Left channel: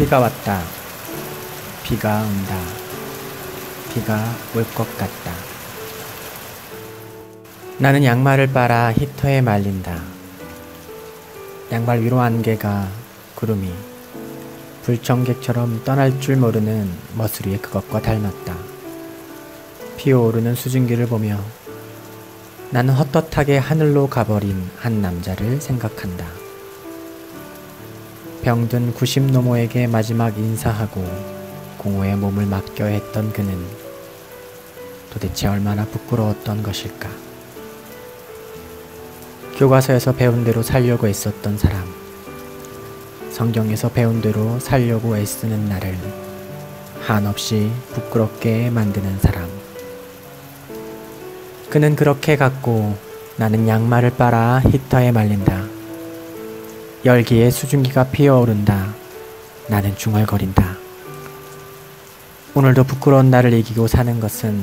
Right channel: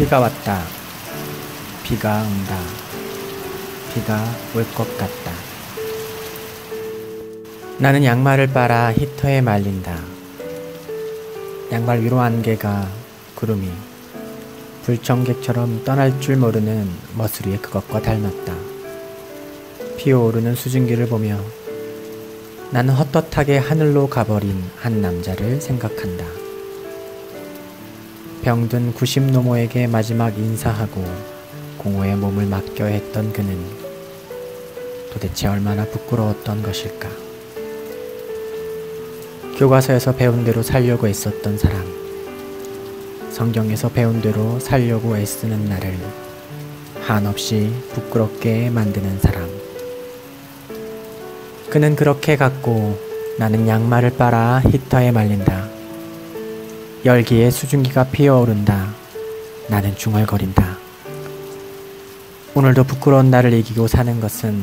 비가 왔다. 비가 온다. 비가 올 것 같다. 나는 양말을 빨아 히터에 말린다. 양말 위로 안개가 구름이 불청객처럼 떠날 줄 모르는 머스리의 그것과 닮았다. 피어오르는 수증기를 보며 나는 헛헛하게 하늘로 가버린 한 남자를 생각한다. 병든 90노모에게 마지막 인사하고 공허의 몸을 맡겨야 했던 그는 도대체 얼마나 부끄러웠던 것일까. 교과서에서 배운 대로 살려고 애썼던 사람, 성경에서 배운 대로 살려고 애쓰는 나를 한없이 부끄럽게 만드는 사람. 그는 그렇게 갔고 나는 양말을 빨아 히터에 말린다. 열기에 수증기가 피어오른다. 나는 중얼거린다. 오늘도 부끄러운 나를 이기고 사는 것은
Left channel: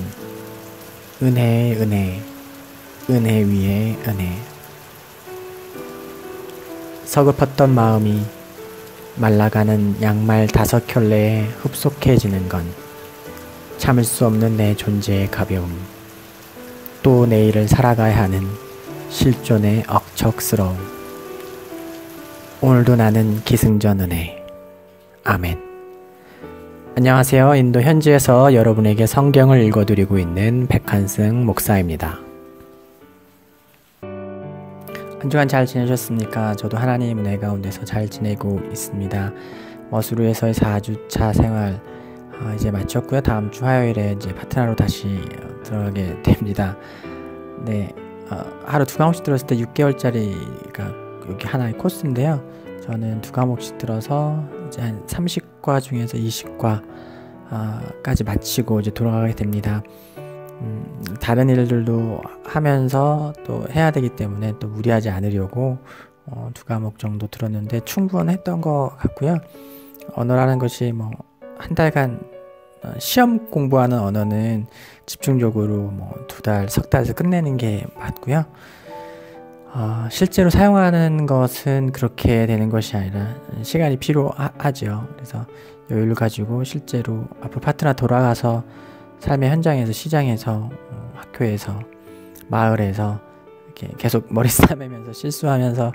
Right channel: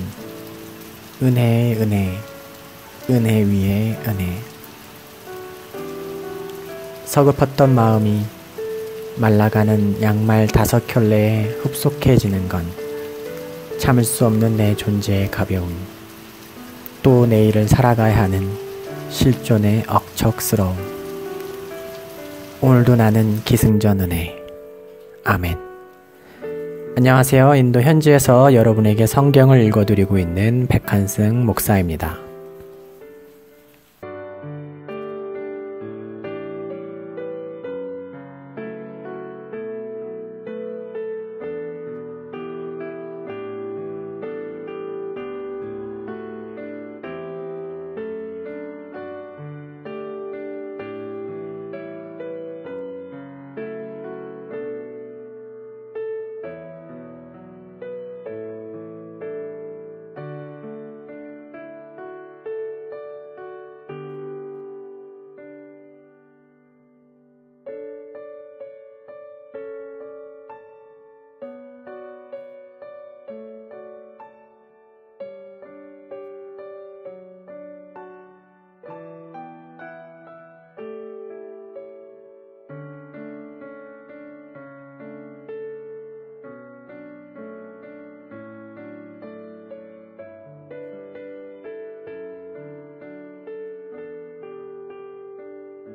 은혜의 은혜, 은혜 위에 은혜. 서글펐던 마음이 말라가는 양말 5켤레에 흡속해지는 건 참을 수 없는 내 존재의 가벼움, 또 내일을 살아가야 하는 실존의 억척스러움. 오늘도 나는 기승전 은혜. 아멘. 안녕하세요. 인도 현지에서 여러분에게 성경을 읽어드리고 있는 백한승 목사입니다. 한 주간 잘 지내셨습니까? 저도 하나님 은혜 가운데서 잘 지내고 있습니다. 머스루에서의 4주차 생활 이제 마쳤고요. 다음 주 화요일에 이제 파트너로 다시 들어가게 됩니다. 네, 하루 2과목씩 들었을 때 6개월짜리가 여기 하나의 코스인데요. 저는 2과목씩 들어서 이제 한 30과 중에서 20과까지 마치고 이제 돌아가게 됩니다. 다른 일들도 하면서 또 해야 되기 때문에 또 무리하지 않으려고 2과목 정도 들었는데 충분했던 것 같고요. 언어라는 것이 뭐 한 달간 시험 공부하는 언어는 집중적으로 뭐 2달, 석 달에서 끝내는 게 맞고요. 실제로 사용하는 것은 그렇게 되는 것이 아니라 시간이 필요하죠. 그래서 여유를 가지고 실제로 앞으로 파트너 돌아가서 삶의 현장에서, 시장에서, 학교에서, 마을에서 이렇게 계속 머리 싸매면서 실수하면서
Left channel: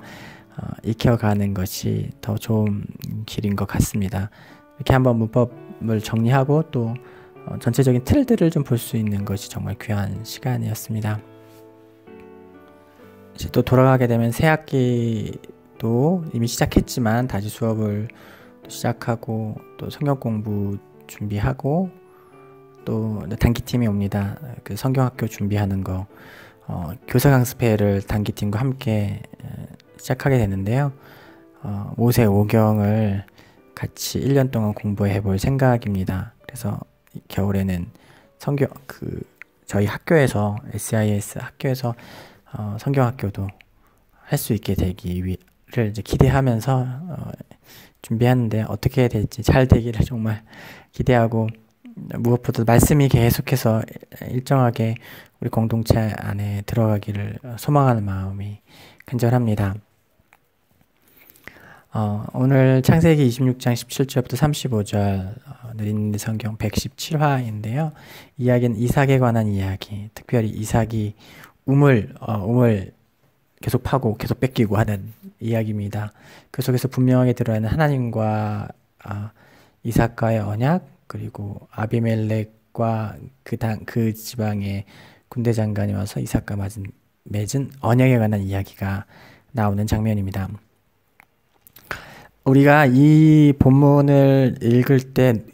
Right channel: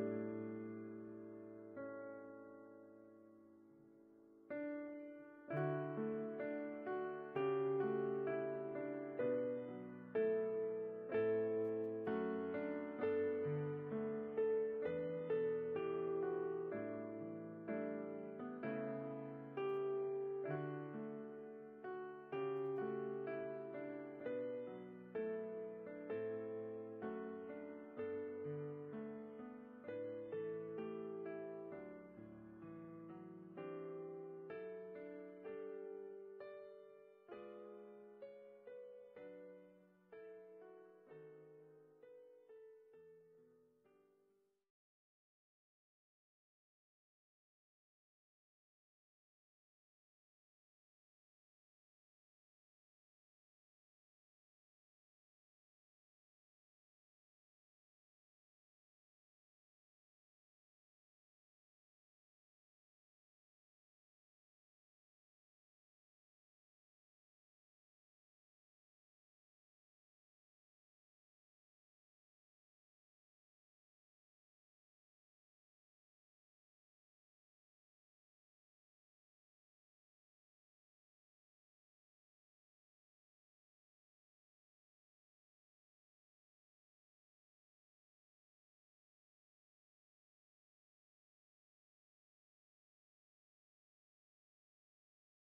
익혀가는 것이 더 좋은 길인 것 같습니다. 이렇게 한번 문법을 정리하고 또 전체적인 틀들을 좀 볼 수 있는 것이 정말 귀한 시간이었습니다. 이제 또 돌아가게 되면 새 학기도 이미 시작했지만 다시 수업을 시작하고 또 성경 공부 준비하고 또 단기팀이 옵니다. 그 성경학교 준비하는 거 교사 강습회를 단기팀과 함께 시작하게 되는데요. 모세 오경을 같이 1년 동안 공부해 볼 생각입니다. 그래서 겨울에는 저희 학교에서 SIS 학교에서 성경학교도 할 수 있게 되기를 이제 기대하면서 준비하는데 어떻게 될지 잘 되기를 정말 기대하고 무엇보다 말씀이 계속해서 일정하게 우리 공동체 안에 들어가기를 소망하는 마음이 간절합니다. 오늘 창세기 26장 17절부터 35절 느린 성경 117화인데요. 이야기는 이삭에 관한 이야기, 특별히 이삭이 우물 계속 파고 계속 뺏기고 하는 이야기입니다. 그 속에서 분명하게 들어있는 하나님과 이삭과의 언약, 그리고 아비멜렉과 그 지방의 군대 장관이 와서 이삭과 맺은 언약에 관한 이야기가 나오는 장면입니다. 우리가 이 본문을 읽을 때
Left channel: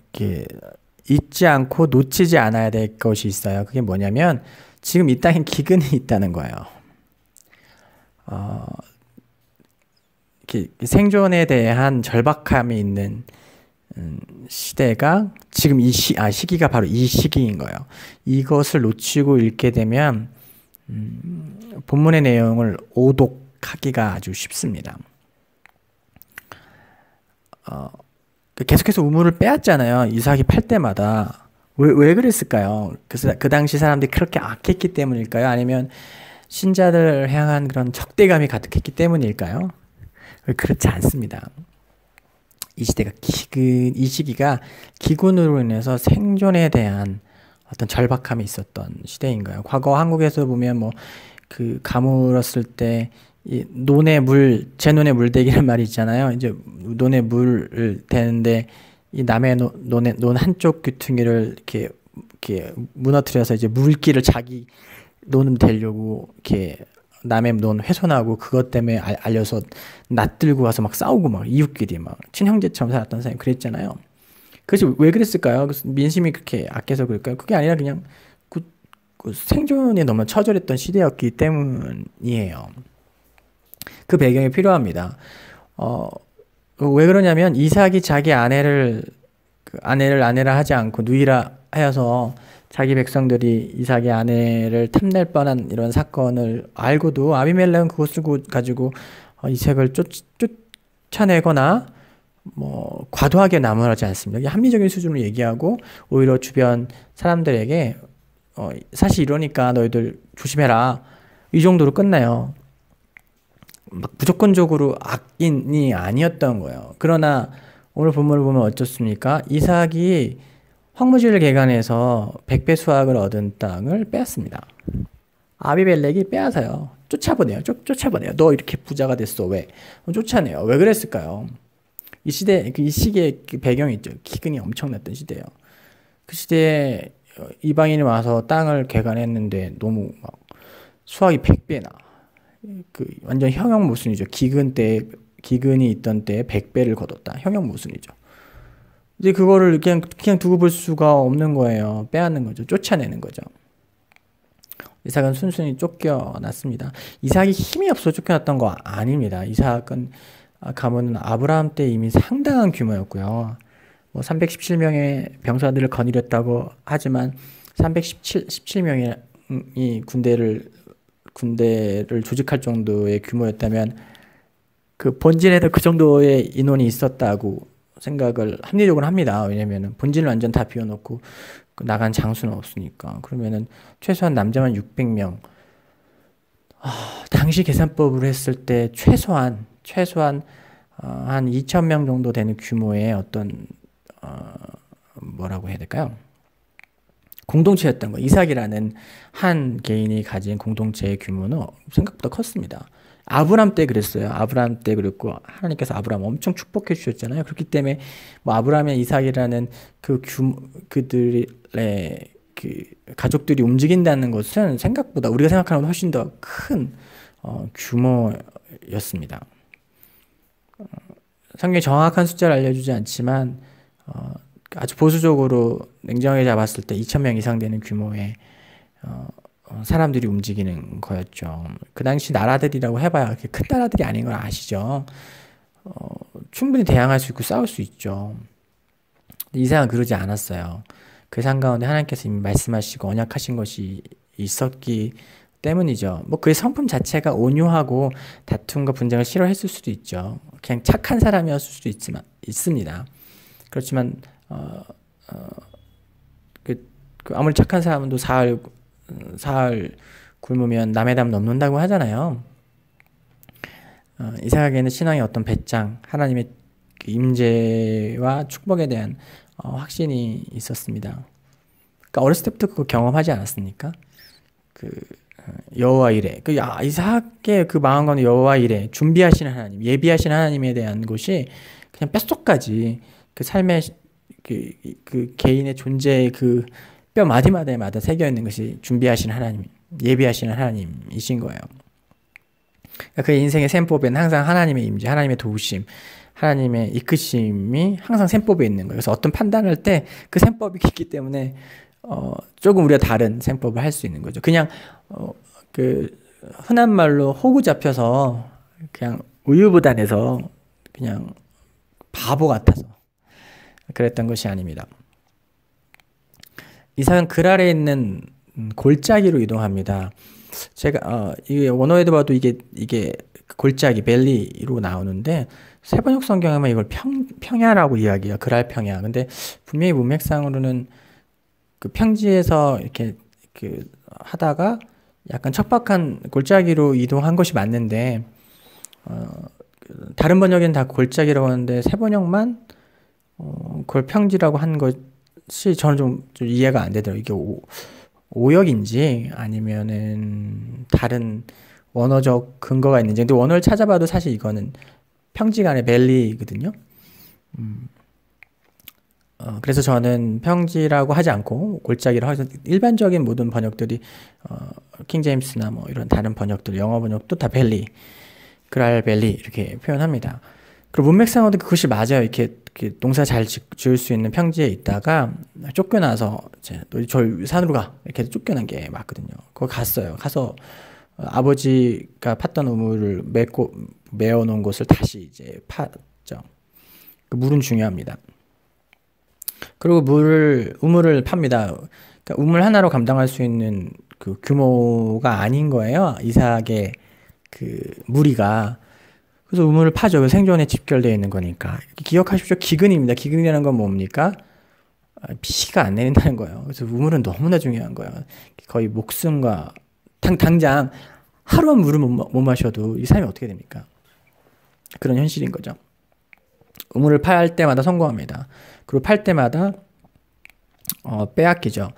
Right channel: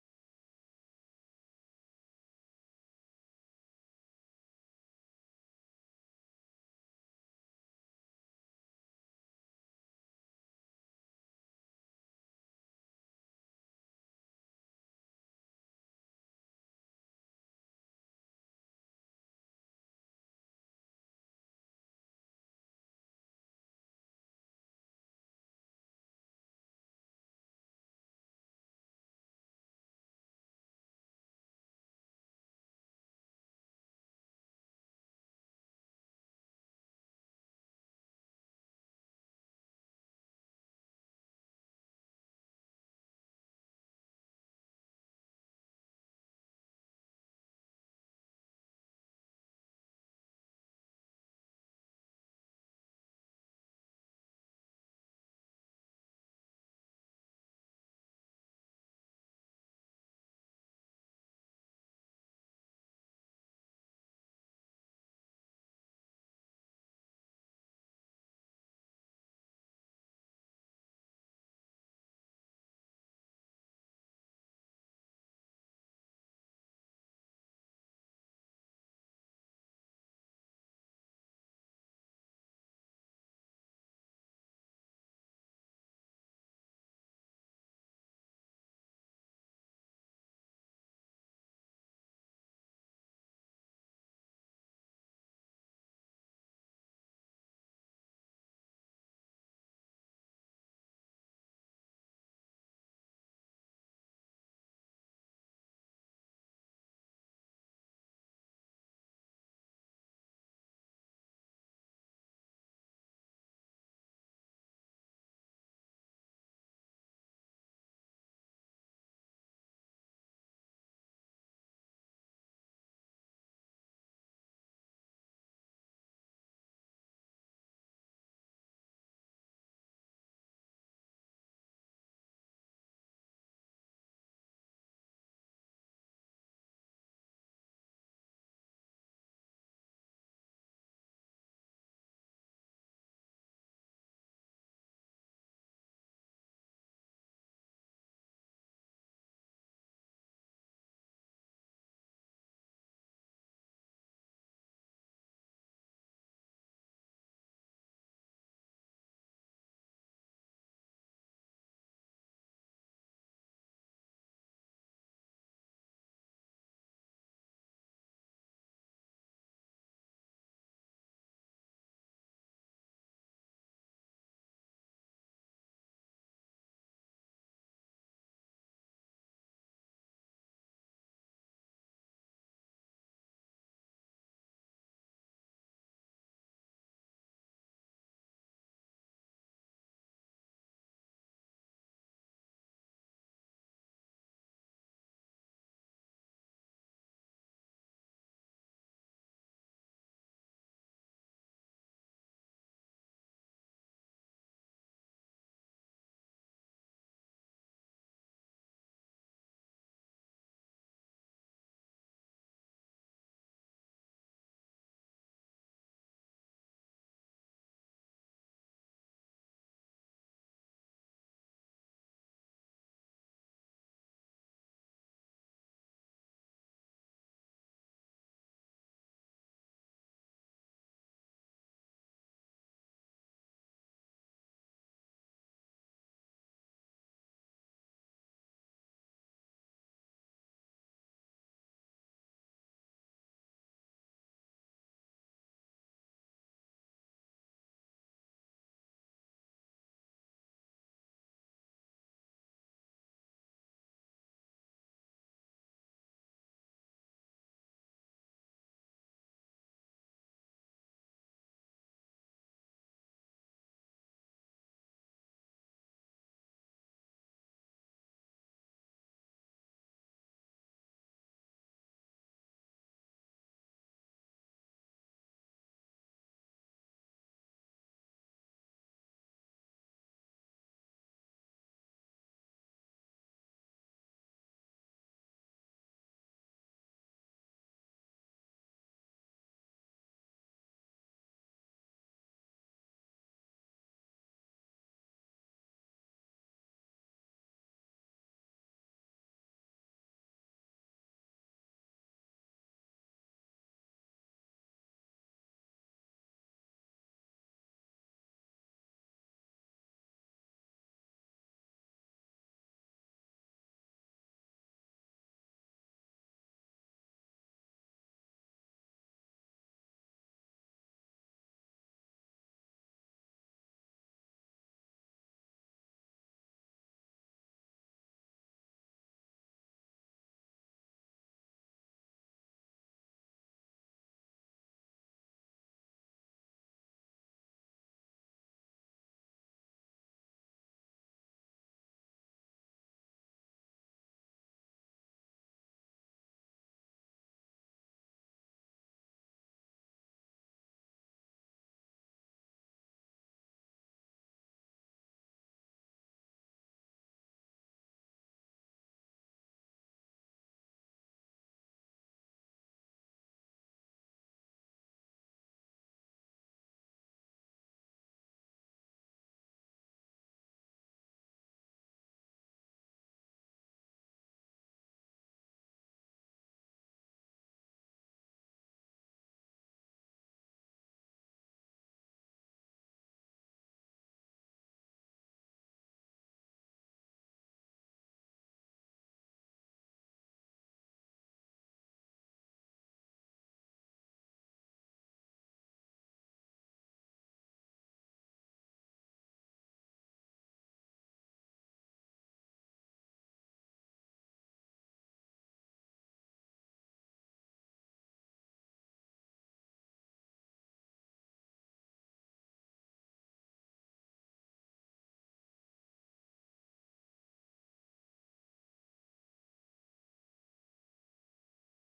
잊지 않고 놓치지 않아야 될 것이 있어요. 그게 뭐냐면 지금 이 땅에 기근이 있다는 거예요. 생존에 대한 절박함이 있는 시대가 지금 시기가 바로 이 시기인 거예요. 이것을 놓치고 읽게 되면 본문의 내용을 오독하기가 아주 쉽습니다. 계속해서 우물을 빼앗잖아요. 이삭이 팔 때마다. 왜 그랬을까요? 그 당시 사람들이 그렇게 악했기 때문일까요? 아니면 신자들을 향한 그런 적대감이 가득했기 때문일까요? 그렇지 않습니다. 이 시대가 이 시기가 기근으로 인해서 생존에 대한 어떤 절박함이 있었던 시대인 거예요. 과거 한국에서 보면 뭐 그 가물었을 때 이 논에 제 논에 물대기란 말이 있잖아요. 이제 논에 물을 대는데 이 남의 논의 논 한쪽 귀퉁이를 이렇게 무너뜨려서 이제 물기를 자기 논을 대려고 이렇게 남의 논 훼손하고 그것 때문에 알려서 낯들고 가서 막 싸우고 막 이웃끼리 막 친형제처럼 살았던 사람이 그랬잖아요. 그래서 왜 그랬을까요? 그래서 민심이 그렇게 악해서 그럴까요? 그게 아니라 그냥 그 생존에 너무 처절했던 시대였기 때문이에요. 그 배경이 필요합니다. 왜 그러냐면 이삭이 자기 아내를 하지 않고 누이라 하여서 자기 백성들이 이삭의 아내를 탐낼 뻔한 이런 사건을 알고도 아비멜렉은 그것을 가지고 이삭을 쫓아내거나 뭐 과도하게 나무라지 않습니다. 이게 합리적인 수준으로 얘기하고 오히려 주변 사람들에게 사실 이러니까 너희들 조심해라 이 정도로 끝나요. 막 무조건적으로 악인이 아니었던 거예요. 그러나 오늘 본문을 보면 어떻습니까? 이삭이 황무지를 개간해서 100배 수확을 얻은 땅을 빼앗습니다. 아비멜렉이 빼앗아요. 쫓아보내요. 쫓아보내요. 너 이렇게 부자가 됐어. 왜? 쫓아내요. 왜 그랬을까요? 이 시기의 그 배경이 있죠. 기근이 엄청났던 시대예요. 그 시대에 이방인이 와서 땅을 개간했는데 너무 막 수확이 100배나 그 완전 형용 모순이죠. 기근이 있던 때에 100배를 거뒀다. 형용 모순이죠. 이제 그거를 그냥 두고 볼 수가 없는 거예요. 빼앗는 거죠. 쫓아내는 거죠. 이삭은 순순히 쫓겨났습니다. 이삭이 힘이 없어 쫓겨났던 거 아닙니다. 이삭은 가문은 아브라함 때 이미 상당한 규모였고요. 뭐 317명의 병사들을 거느렸다고 하지만 317명이 군대를 조직할 정도의 규모였다면 그 본진에도 그 정도의 인원이 있었다고 생각을 합리적으로 합니다. 왜냐면은 본진을 완전 다 비워놓고 나간 장수는 없으니까. 그러면은 최소한 남자만 600명. 당시 계산법으로 했을 때 최소한 한 2,000명 정도 되는 규모의 어떤 뭐라고 해야 될까요? 공동체였던 거. 이삭이라는 한 개인이 가진 공동체의 규모는 생각보다 컸습니다. 아브람 때 그랬어요. 아브람 때 그랬고 하나님께서 아브람 엄청 축복해 주셨잖아요. 그렇기 때문에 뭐 아브람의 이삭이라는 그들의 그 가족들이 움직인다는 것은 생각보다 우리가 생각하는 것보다 훨씬 더 큰 규모였습니다. 성경이 정확한 숫자를 알려주지 않지만 아주 보수적으로 냉정하게 잡았을 때 2,000명 이상 되는 규모의 사람들이 움직이는 거였죠. 그 당시 나라들이라고 해봐야 그렇게 큰 나라들이 아닌 걸 아시죠? 충분히 대항할 수 있고 싸울 수 있죠. 이삭은 그러지 않았어요. 그 상 가운데 하나님께서 이미 말씀하시고 언약하신 것이 있었기 때문이죠. 뭐 그의 성품 자체가 온유하고 다툼과 분쟁을 싫어했을 수도 있죠. 그냥 착한 사람이었을 수도 있습니다. 그렇지만 아무리 착한 사람도 사흘 굶으면 남의 담 넘는다고 하잖아요. 이삭에게는 신앙의 어떤 배짱, 하나님의 임재와 축복에 대한 확신이 있었습니다. 그러니까 어렸을 때부터 그거 경험하지 않았습니까? 여호와 이레. 이삭의 그 마음과는 여호와 이레, 준비하시는 하나님, 예비하시는 하나님에 대한 것이 그냥 뼛속까지 그 삶의 그 개인의 존재의 그 뼈 마디마디마다 새겨 있는 것이 준비하시는 하나님, 예비하시는 하나님이신 거예요. 그러니까 그 인생의 셈법에는 항상 하나님의 임재, 하나님의 도우심, 하나님의 이끄심이 항상 셈법에 있는 거예요. 그래서 어떤 판단할 때 그 셈법이 있기 때문에 조금 우리가 다른 셈법을 할 수 있는 거죠. 그냥 그 흔한 말로 호구 잡혀서 그냥 우유부단해서 그냥 바보 같아서 그랬던 것이 아닙니다. 이삭은 글 아래에 있는 골짜기로 이동합니다. 제가 이게 원어에도 봐도 이게 골짜기 벨리로 나오는데 세번역 성경에만 이걸 평야라고 이야기해요. 그랄평야. 근데 분명히 문맥상으로는 그 평지에서 이렇게 하다가 약간 척박한 골짜기로 이동한 것이 맞는데 다른 번역에는 다 골짜기라고 하는데 새 번역만 그걸 평지라고 한 것이 저는 좀 이해가 안 되더라고요. 이게 오역인지 아니면은 다른 원어적 근거가 있는지. 근데 원어를 찾아봐도 사실 이거는 평지가 아니라 밸리거든요. 그래서 저는 평지라고 하지 않고 골짜기라고 해서 일반적인 모든 번역들이 킹제임스나 뭐 이런 다른 번역들, 영어 번역도 다 밸리, 그랄밸리 이렇게 표현합니다. 그리고 문맥상으로도 그것이 맞아요. 이렇게 농사 잘 지을 수 있는 평지에 있다가 쫓겨나서 이제 너 저 산으로 가 이렇게 쫓겨난 게 맞거든요. 거기 갔어요. 가서 아버지가 팠던 우물을 메어 놓은 곳을 다시 이제 팠죠. 그 물은 중요합니다. 그리고 우물을 팝니다. 그러니까 우물 하나로 감당할 수 있는 그 규모가 아닌 거예요. 이삭의 그 무리가. 그래서 우물을 파죠. 생존에 집결되어 있는 거니까. 기억하십시오. 기근입니다. 기근이라는 건 뭡니까? 비가 안 내린다는 거예요. 그래서 우물은 너무나 중요한 거예요. 거의 목숨과 당장 하루만 물을 못 마셔도 이 삶이 어떻게 됩니까? 그런 현실인 거죠. 우물을 팔 때마다 성공합니다. 그리고 팔 때마다 빼앗기죠.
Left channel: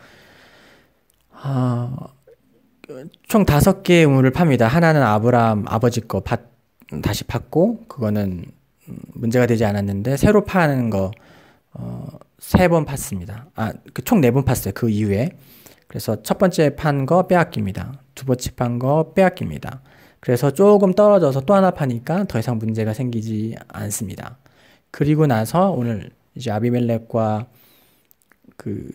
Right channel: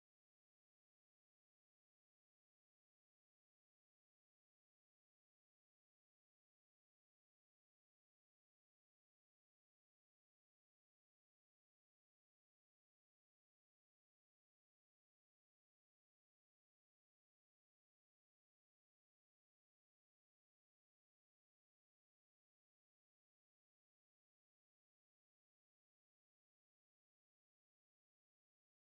총 5개의 우물을 팝니다. 하나는 아브라함 아버지 거 다시 팠고 그거는 문제가 되지 않았는데 새로 파는 거 3번 팠습니다. 총 4번 팠어요. 그 이후에. 그래서 첫 번째 판 거 빼앗깁니다. 두 번째 판 거 빼앗깁니다. 그래서 조금 떨어져서 또 하나 파니까 더 이상 문제가 생기지 않습니다. 그리고 나서 오늘 이제 아비멜렉과 그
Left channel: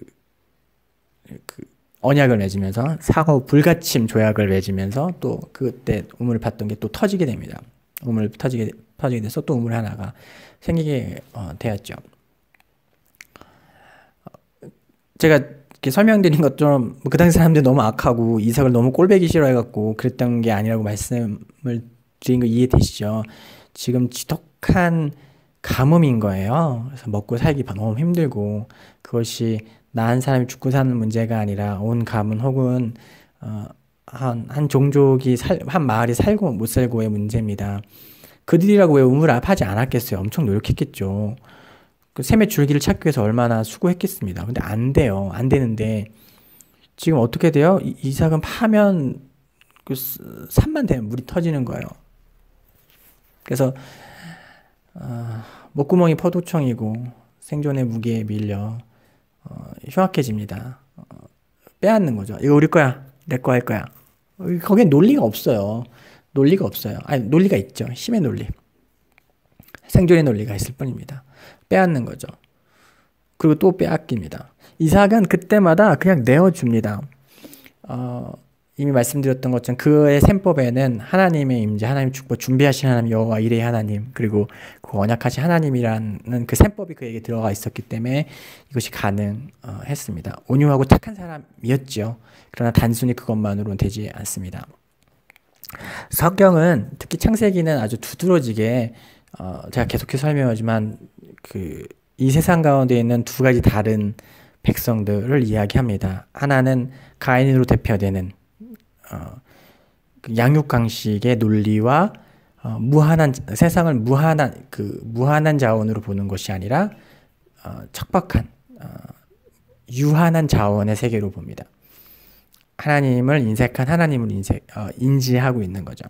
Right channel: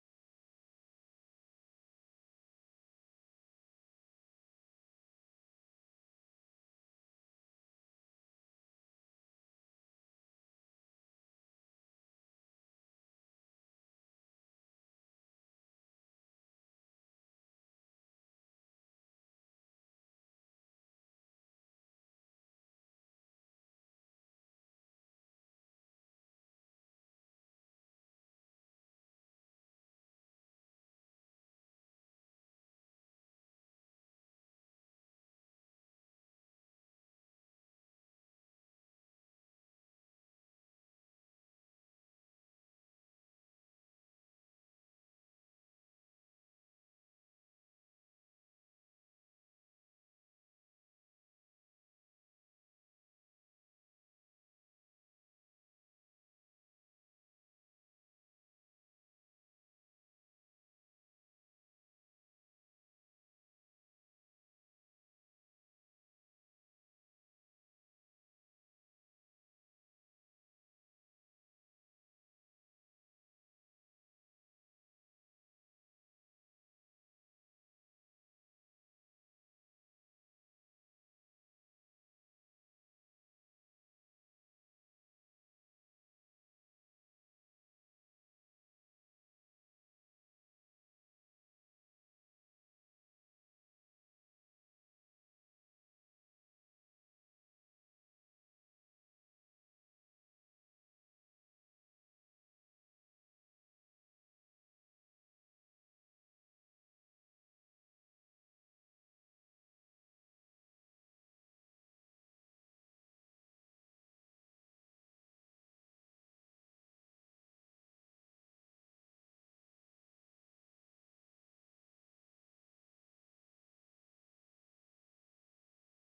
언약을 맺으면서 상호 불가침 조약을 맺으면서 또 그때 우물을 팠던 게 또 터지게 됩니다. 우물 터지게 돼서 또 우물 하나가 생기게 되었죠. 제가 이렇게 설명드린 것처럼 그 당시 사람들이 너무 악하고 이삭을 너무 꼴배기 싫어해갖고 그랬던 게 아니라고 말씀을 드린 거 이해되시죠? 지금 지독한 가뭄인 거예요. 그래서 먹고 살기 너무 힘들고 그것이 나 한 사람이 죽고 사는 문제가 아니라 온 가문 혹은 한 종족이 한 마을이 살고 못 살고의 문제입니다. 그들이라고 왜 우물을 파지 않았겠어요? 엄청 노력했겠죠. 그 샘의 줄기를 찾기 위해서 얼마나 수고했겠습니다. 근데 안 돼요. 안 되는데 지금 어떻게 돼요? 이삭은 파면 그 산만 되면 물이 터지는 거예요. 그래서 목구멍이 포도청이고 생존의 무게에 밀려 흉악해집니다. 빼앗는 거죠. 이거 우리 거야. 내 거 할 거야. 거기에 논리가 없어요. 논리가 없어요. 아니, 논리가 있죠. 힘의 논리. 생존의 논리가 있을 뿐입니다. 빼앗는 거죠. 그리고 또 빼앗깁니다. 이삭은 그때마다 그냥 내어줍니다. 이미 말씀드렸던 것처럼 그의 셈법에는 하나님의 임재, 하나님 축복, 준비하신 하나님 여호와 이레의 하나님, 그리고 그 언약하신 하나님이라는 그 셈법이 그에게 들어가 있었기 때문에 이것이 가능했습니다. 온유하고 착한 사람이었죠. 그러나 단순히 그것만으로는 되지 않습니다. 성경은 특히 창세기는 아주 두드러지게 제가 계속해서 설명하지만 이 세상 가운데 있는 두 가지 다른 백성들을 이야기합니다. 하나는 가인으로 대표되는 양육강식의 논리와 세상을 무한한 자원으로 보는 것이 아니라 척박한 유한한 자원의 세계로 봅니다. 하나님을 인색한 하나님을 인지하고 있는 거죠.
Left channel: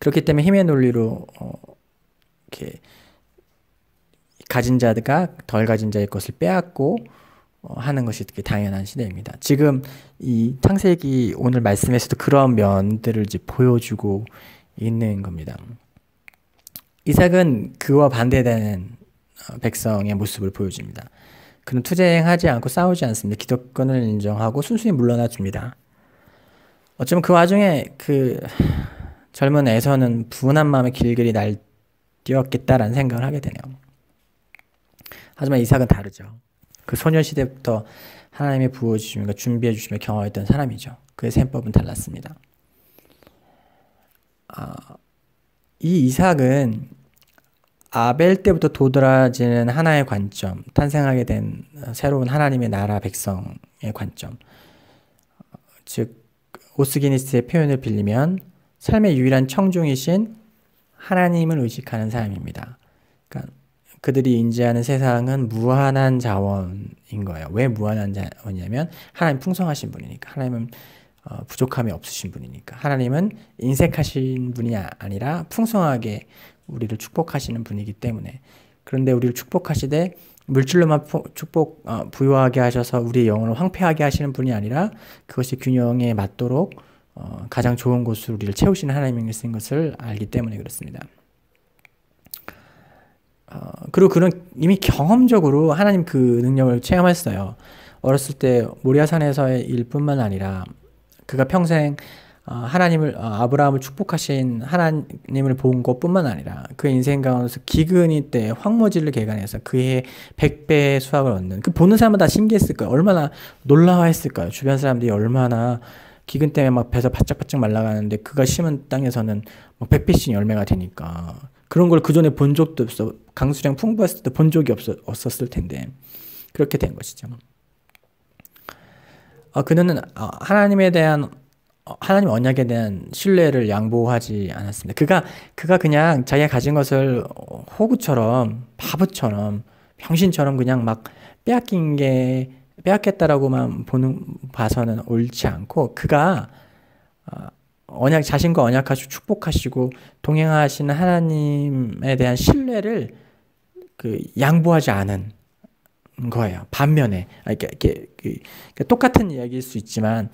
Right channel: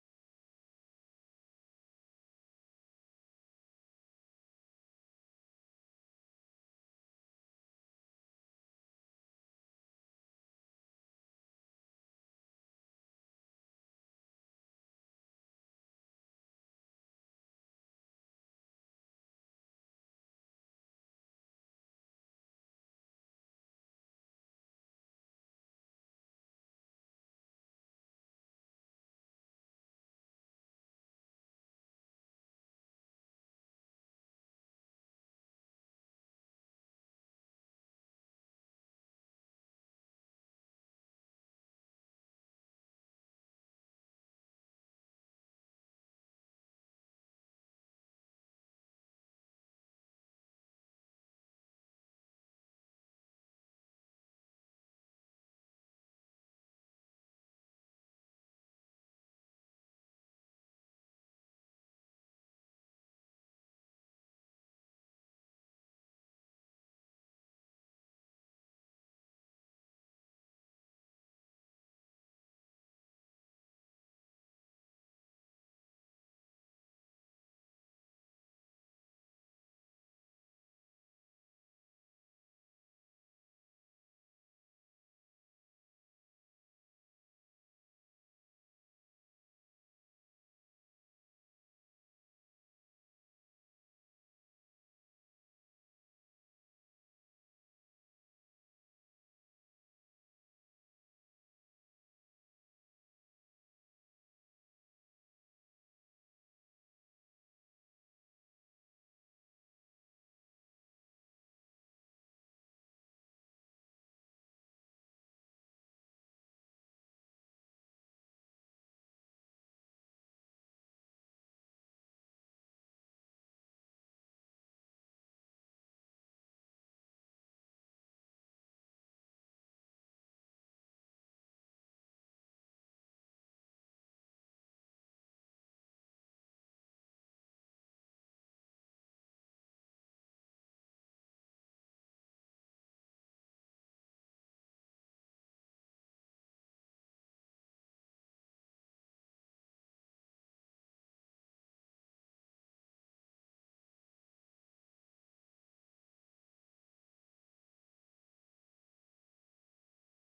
그렇기 때문에 힘의 논리로 이렇게 가진 자가 덜 가진 자의 것을 빼앗고 하는 것이 되게 당연한 시대입니다. 지금 이 창세기 오늘 말씀에서도 그런 면들을 이제 보여주고 있는 겁니다. 이삭은 그와 반대되는 백성의 모습을 보여줍니다. 그는 투쟁하지 않고 싸우지 않습니다. 기득권을 인정하고 순순히 물러나 줍니다. 어쩌면 그 와중에 그 젊은 에서는 분한 마음의 길들이 날뛰었겠다라는 생각을 하게 되네요. 하지만 이삭은 다르죠. 그 소녀시대부터 하나님이 부어주시며 준비해 주시며 경험했던 사람이죠. 그의 셈법은 달랐습니다. 이 이삭은 아벨 때부터 도드라지는 하나의 관점, 탄생하게 된 새로운 하나님의 나라 백성의 관점, 즉 오스기니스의 표현을 빌리면 삶의 유일한 청중이신 하나님을 의식하는 사람입니다. 그러니까 그들이 인지하는 세상은 무한한 자원인 거예요. 왜 무한한 자원이냐면 하나님 풍성하신 분이니까. 하나님은 부족함이 없으신 분이니까. 하나님은 인색하신 분이 아니라 풍성하게 우리를 축복하시는 분이기 때문에. 그런데 우리를 축복하시되 물질로만 부유하게 하셔서 우리의 영혼을 황폐하게 하시는 분이 아니라 그것이 균형에 맞도록 가장 좋은 곳으로 우리를 채우시는 하나님이신 것을 알기 때문에 그렇습니다. 그리고 그런 이미 경험적으로 하나님 그 능력을 체험했어요. 어렸을 때 모리아산에서의 일뿐만 아니라 그가 평생 하나님을 아브라함을 축복하신 하나님을 본 것뿐만 아니라 그의 인생 가운데서 기근이 때 황무지를 개간해서 그의 100배의 수확을 얻는, 그 보는 사람마다 신기했을 거예요. 얼마나 놀라워했을까요? 주변 사람들이 얼마나 기근 때문에 막 배서 바짝바짝 말라가는데 그가 심은 땅에서는 막 100배씩 열매가 되니까. 그런 걸 그 전에 본 적도 없어. 강수량 풍부했을 때 본 적이 없었을 텐데 그렇게 된 것이죠. 그는 하나님에 대한 하나님 언약에 대한 신뢰를 양보하지 않았습니다. 그가 그냥 자기가 가진 것을 호구처럼, 바보처럼, 병신처럼 그냥 막 빼앗겠다라고만 봐서는 옳지 않고, 그가 자신과 언약하시고 축복하시고 동행하시는 하나님에 대한 신뢰를 양보하지 않은 거예요. 반면에 이렇게 똑같은 이야기일 수 있지만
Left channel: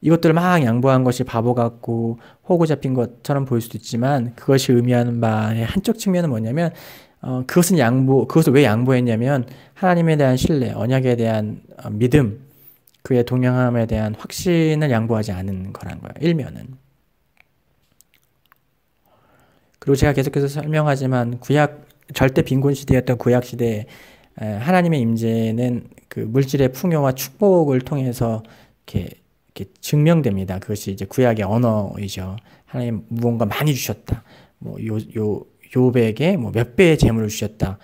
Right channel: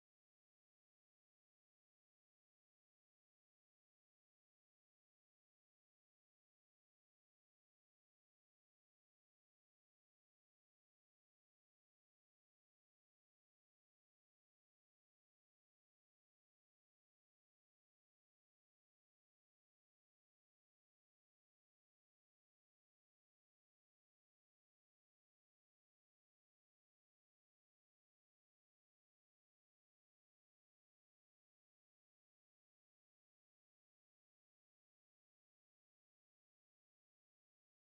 이것들을 막 양보한 것이 바보 같고 호구 잡힌 것처럼 보일 수도 있지만 그것이 의미하는 바의 한쪽 측면은 뭐냐면 그것을 왜 양보했냐면 하나님에 대한 신뢰, 언약에 대한 믿음, 그의 동행함에 대한 확신을 양보하지 않은 거란 거예요. 일면은. 그리고 제가 계속해서 설명하지만 절대 빈곤 시대였던 구약 시대에 하나님의 임재는 그 물질의 풍요와 축복을 통해서 이렇게 증명됩니다. 그것이 이제 구약의 언어이죠. 하나님 무언가 많이 주셨다. 뭐 욥에게 뭐 몇 배의 재물을 주셨다.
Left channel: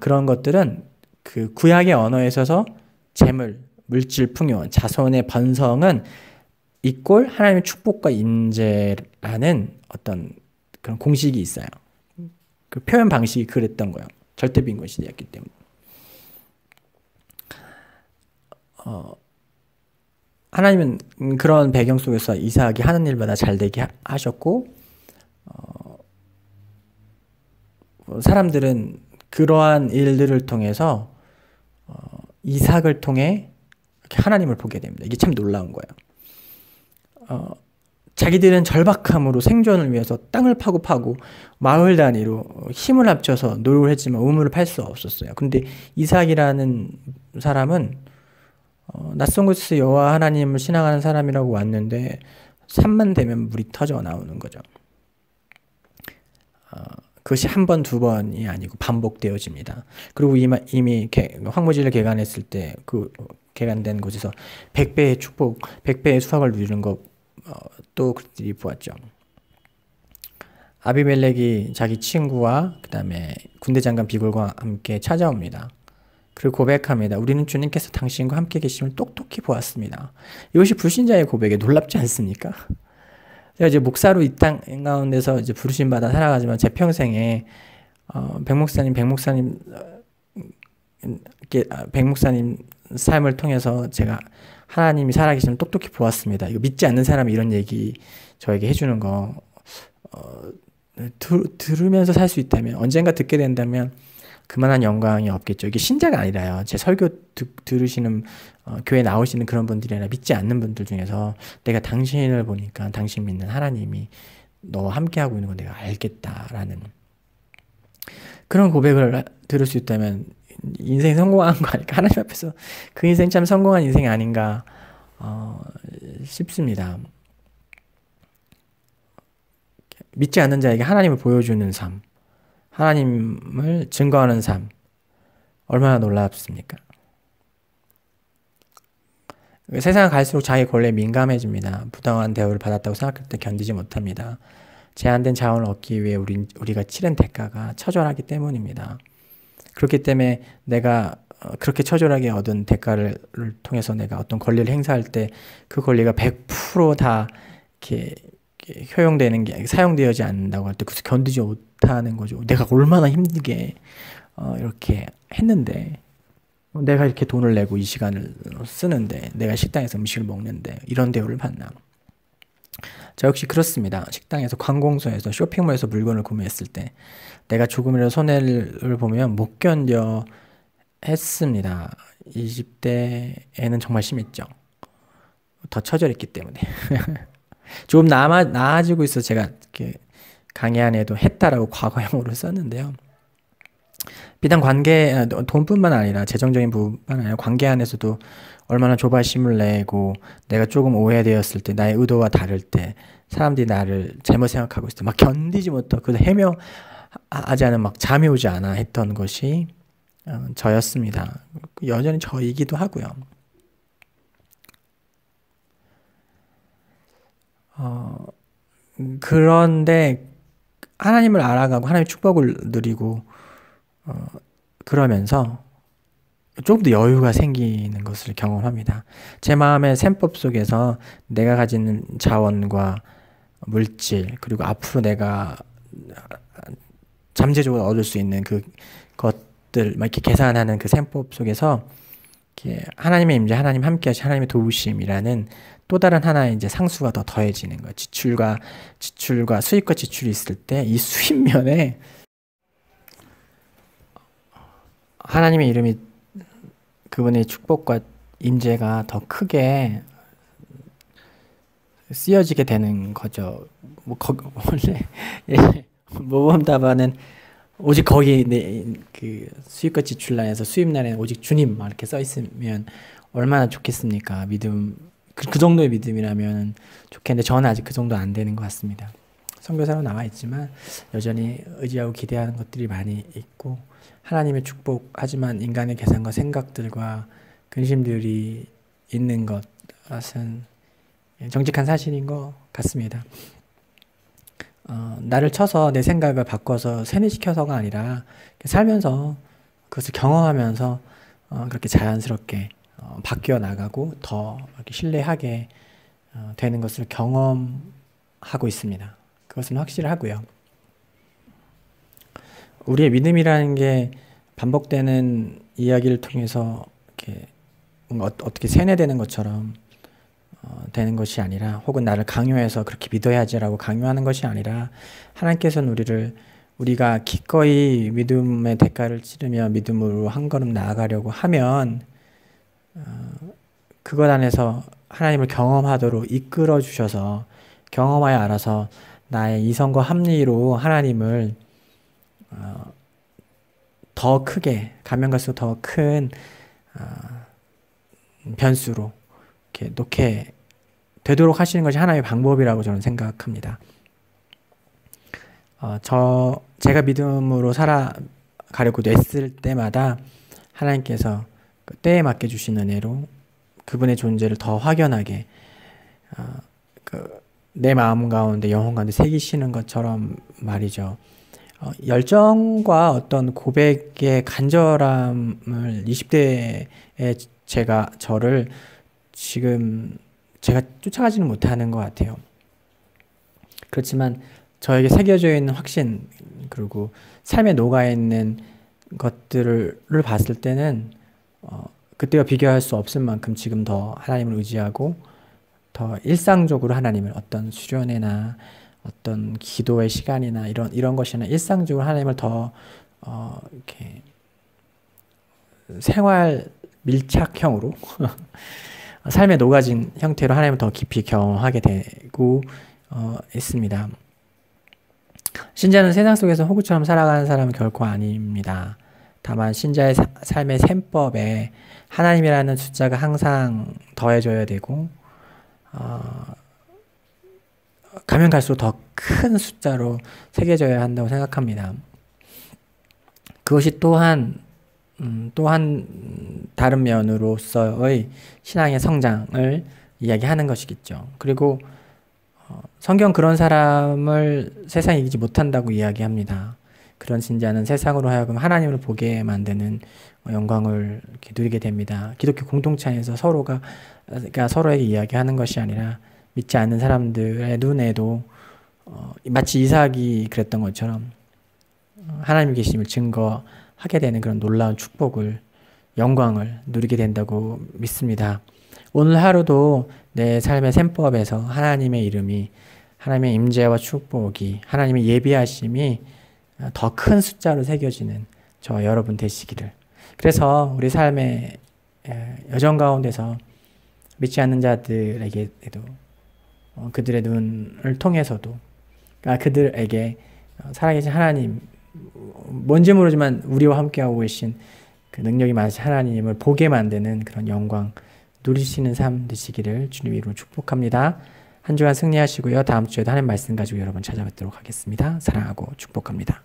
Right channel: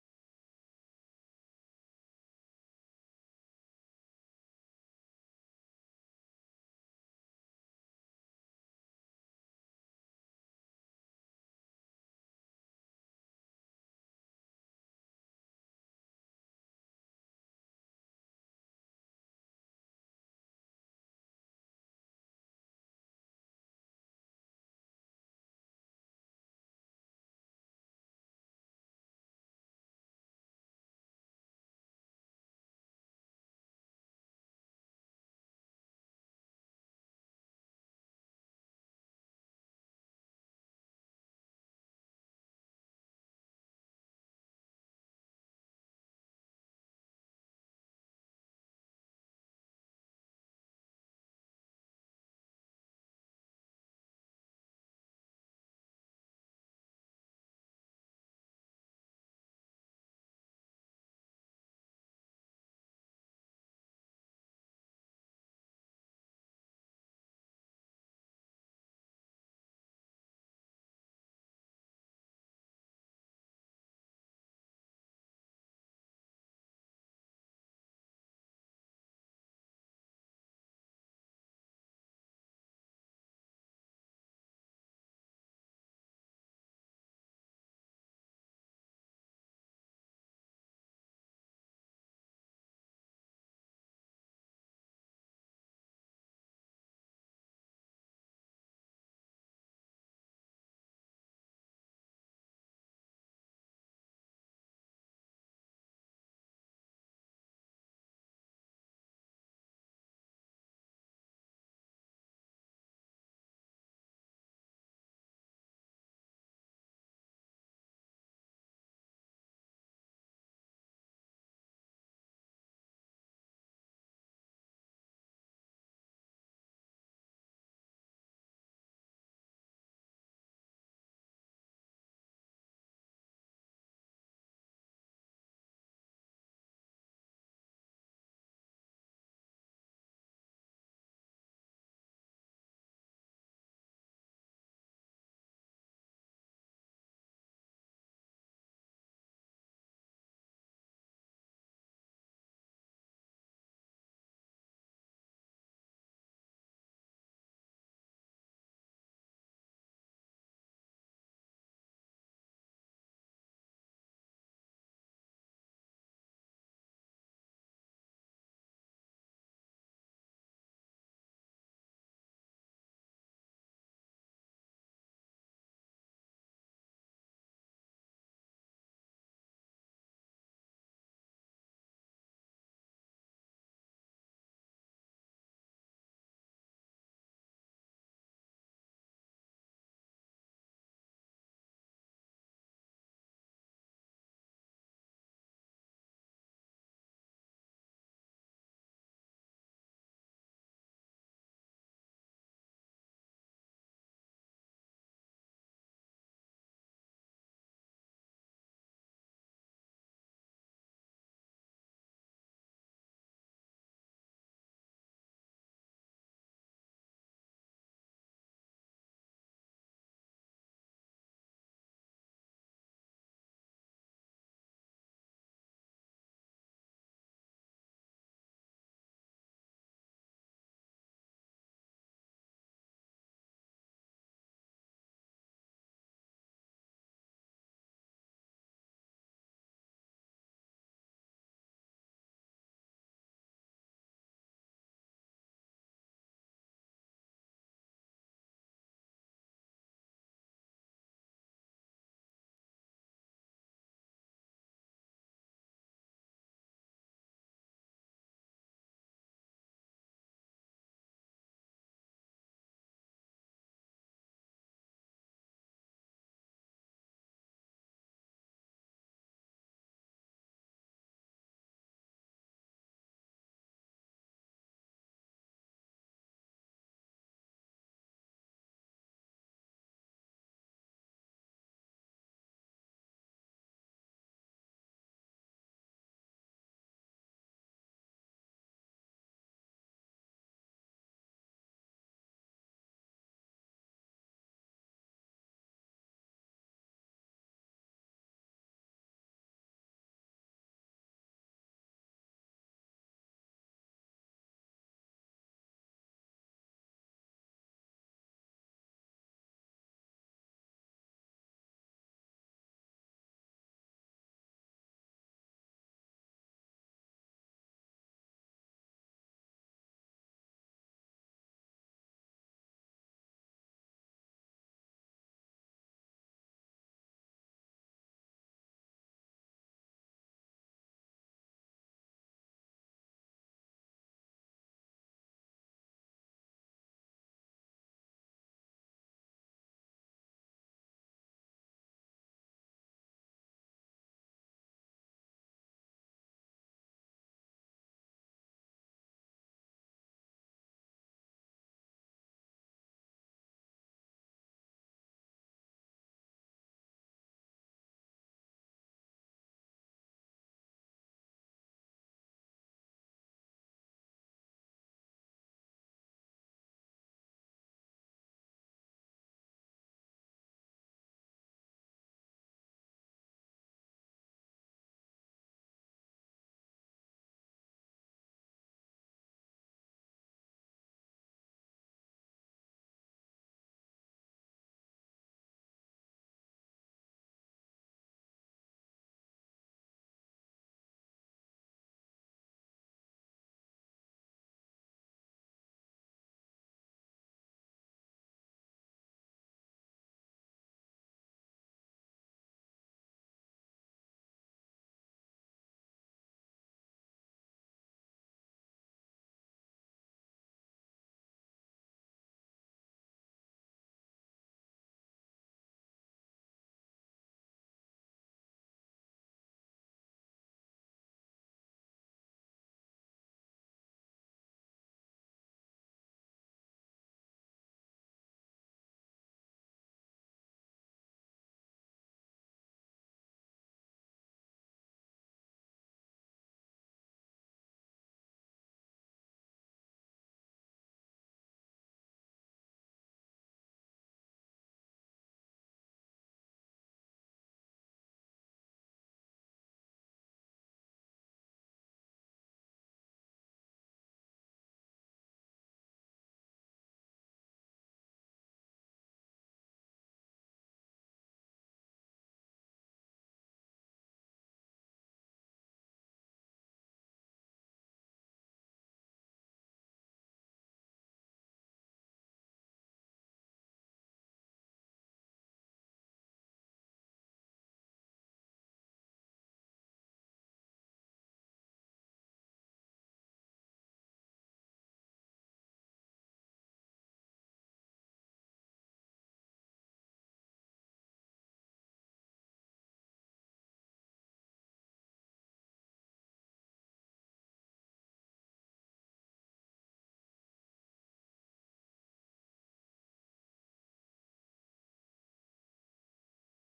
그런 것들은 그 구약의 언어에 있어서 재물, 물질 풍요, 자손의 번성은 이꼴 하나님의 축복과 임재라는 어떤 그런 공식이 있어요. 그 표현 방식이 그랬던 거예요. 절대 빈곤 시대였기 때문에. 하나님은 그런 배경 속에서 이삭이 하는 일마다 잘 되게 하셨고, 사람들은 그러한 일들을 통해서 이삭을 통해 하나님을 보게 됩니다. 이게 참 놀라운 거예요. 자기들은 절박함으로 생존을 위해서 땅을 파고 마을 단위로 힘을 합쳐서 노력을 했지만 우물을 팔 수 없었어요. 근데 이삭이라는 사람은 낯선 곳에서 여호와 하나님을 신앙하는 사람이라고 왔는데 산만 되면 물이 터져 나오는 거죠. 그것이 한 번, 두 번이 아니고 반복되어집니다. 그리고 이미 황무지를 개간했을 때 그 개간된 곳에서 100배의 축복, 100배의 수확을 누리는 것 또 그들이 보았죠. 아비멜렉이 자기 친구와 그 다음에 군대 장관 비굴과 함께 찾아옵니다. 그리고 고백합니다. 우리는 주님께서 당신과 함께 계심을 똑똑히 보았습니다. 이것이 불신자의 고백에 놀랍지 않습니까? 제가 이제 목사로 이 땅 가운데서 이제 부르심 받아 살아가지만 제 평생에 백목사님 삶을 통해서 제가 하나님이 살아계심을 똑똑히 보았습니다. 이거 믿지 않는 사람이 이런 얘기 저에게 해주는 거 들으면서 살 수 있다면, 언젠가 듣게 된다면 그만한 영광이 없겠죠. 이게 신자가 아니라요. 제 설교 들으시는 교회 나오시는 그런 분들이 아니라 믿지 않는 분들 중에서 내가 당신을 보니까 당신 믿는 하나님이 너와 함께하고 있는 걸 내가 알겠다라는 그런 고백을 들을 수 있다면 인생이 성공한 거 아닐까. 하나님 앞에서 그 인생 참 성공한 인생이 아닌가 싶습니다. 믿지 않는 자에게 하나님을 보여주는 삶, 하나님을 증거하는 삶, 얼마나 놀랍습니까? 세상을 갈수록 자기 권리에 민감해집니다. 부당한 대우를 받았다고 생각할 때 견디지 못합니다. 제한된 자원을 얻기 위해 우리가 치른 대가가 처절하기 때문입니다. 그렇기 때문에 내가 그렇게 처절하게 얻은 대가를 통해서 내가 어떤 권리를 행사할 때 그 권리가 100% 다 이렇게 효용되는 게 사용되지 않는다고 할 때 그래서 견디지 못하는 거죠. 내가 얼마나 힘들게 이렇게 했는데 내가 이렇게 돈을 내고 이 시간을 쓰는데 내가 식당에서 음식을 먹는데 이런 대우를 받나. 저 역시 그렇습니다. 식당에서 관공서에서 쇼핑몰에서 물건을 구매했을 때 내가 조금이라도 손해를 보면 못 견뎌 했습니다. 20대에는 정말 심했죠. 더 처절했기 때문에. 조금 나아지고 있어 제가 이렇게 강의 안에도 했다라고 과거형으로 썼는데요. 비단 관계, 돈뿐만 아니라 재정적인 부분만 아니라 관계 안에서도 얼마나 조바심을 내고 내가 조금 오해되었을 때 나의 의도와 다를 때 사람들이 나를 잘못 생각하고 있을 때 막 견디지 못하고 그래서 헤매하지 않은 막 잠이 오지 않아 했던 것이 저였습니다. 여전히 저이기도 하고요. 그런데 하나님을 알아가고 하나님의 축복을 누리고 그러면서 조금 더 여유가 생기는 것을 경험합니다. 제 마음의 셈법 속에서 내가 가진 자원과 물질 그리고 앞으로 내가 잠재적으로 얻을 수 있는 그 것들 막 이렇게 계산하는 그 셈법 속에서 이렇게 하나님의 임재, 하나님 함께하신 하나님의 도우심이라는 또 다른 하나의 이제 상수가 더 더해지는 거예요. 지출과 수입과 지출이 있을 때 이 수입면에 하나님의 이름이 그분의 축복과 임재가 더 크게 쓰여지게 되는 거죠. 원래 모범 답안은 오직 거기 그 수입과 지출란에서 수입란에 오직 주님 막 이렇게 써 있으면 얼마나 좋겠습니까? 믿음 그 정도의 믿음이라면 좋겠는데 저는 아직 그 정도 안 되는 것 같습니다. 선교사로 나와 있지만 여전히 의지하고 기대하는 것들이 많이 있고 하나님의 축복 하지만 인간의 계산과 생각들과 근심들이 있는 것은 정직한 사실인 것 같습니다. 나를 쳐서 내 생각을 바꿔서 세뇌시켜서가 아니라 살면서 그것을 경험하면서 그렇게 자연스럽게 바뀌어 나가고 더 이렇게 신뢰하게 되는 것을 경험하고 있습니다. 그것은 확실하고요. 우리의 믿음이라는 게 반복되는 이야기를 통해서 이렇게 뭔가 어떻게 세뇌되는 것처럼 되는 것이 아니라 혹은 나를 강요해서 그렇게 믿어야지라고 강요하는 것이 아니라 하나님께서는 우리가 기꺼이 믿음의 대가를 치르며 믿음으로 한 걸음 나아가려고 하면 그것 안에서 하나님을 경험하도록 이끌어 주셔서 경험하여 알아서 나의 이성과 합리로 하나님을 더 크게 가면 갈수록 더 큰 변수로 이렇게 놓게 되도록 하시는 것이 하나님의 방법이라고 저는 생각합니다. 제가 믿음으로 살아가려고 애쓸 때마다 하나님께서 그 때에 맞게 주신 은혜로 그분의 존재를 더 확연하게 내 마음 가운데 영혼 가운데 새기시는 것처럼 말이죠. 열정과 어떤 고백의 간절함을 20대에 저를 지금 제가 쫓아가지는 못하는 것 같아요. 그렇지만 저에게 새겨져 있는 확신 그리고 삶에 녹아있는 것들을 봤을 때는 그때와 비교할 수 없을 만큼 지금 더 하나님을 의지하고 더 일상적으로 하나님을 어떤 수련회나 어떤 기도의 시간이나 이런 것이나 일상적으로 하나님을 더 이렇게 생활 밀착형으로 삶에 녹아진 형태로 하나님을 더 깊이 경험하게 되고 있습니다. 신자는 세상 속에서 호구처럼 살아가는 사람은 결코 아닙니다. 다만 신자의 삶의 셈법에 하나님이라는 숫자가 항상 더해져야 되고 가면 갈수록 더 큰 숫자로 새겨져야 한다고 생각합니다. 그것이 또한 다른 면으로서의 신앙의 성장을 이야기하는 것이겠죠. 그리고 성경 그런 사람을 세상이 이기지 못한다고 이야기합니다. 그런 신자는 세상으로 하여금 하나님을 보게 만드는 영광을 이렇게 누리게 됩니다. 기독교 공동체 안에서 서로가 서로에게 이야기하는 것이 아니라 믿지 않는 사람들의 눈에도 마치 이삭이 그랬던 것처럼 하나님 계심을 증거하게 되는 그런 놀라운 축복을, 영광을 누리게 된다고 믿습니다. 오늘 하루도 내 삶의 셈법에서 하나님의 이름이, 하나님의 임재와 축복이, 하나님의 예비하심이 더 큰 숫자로 새겨지는 저와 여러분 되시기를. 그래서 우리 삶의 여정 가운데서 믿지 않는 자들에게도 그들의 눈을 통해서도 그들에게 살아계신 하나님, 뭔지 모르지만 우리와 함께하고 계신 그 능력이 많으신 하나님을 보게 만드는 그런 영광 누리시는 삶 되시기를 주님 이름으로 축복합니다. 한 주간 승리하시고요. 다음 주에도 하나님 말씀 가지고 여러분 찾아뵙도록 하겠습니다. 사랑하고 축복합니다.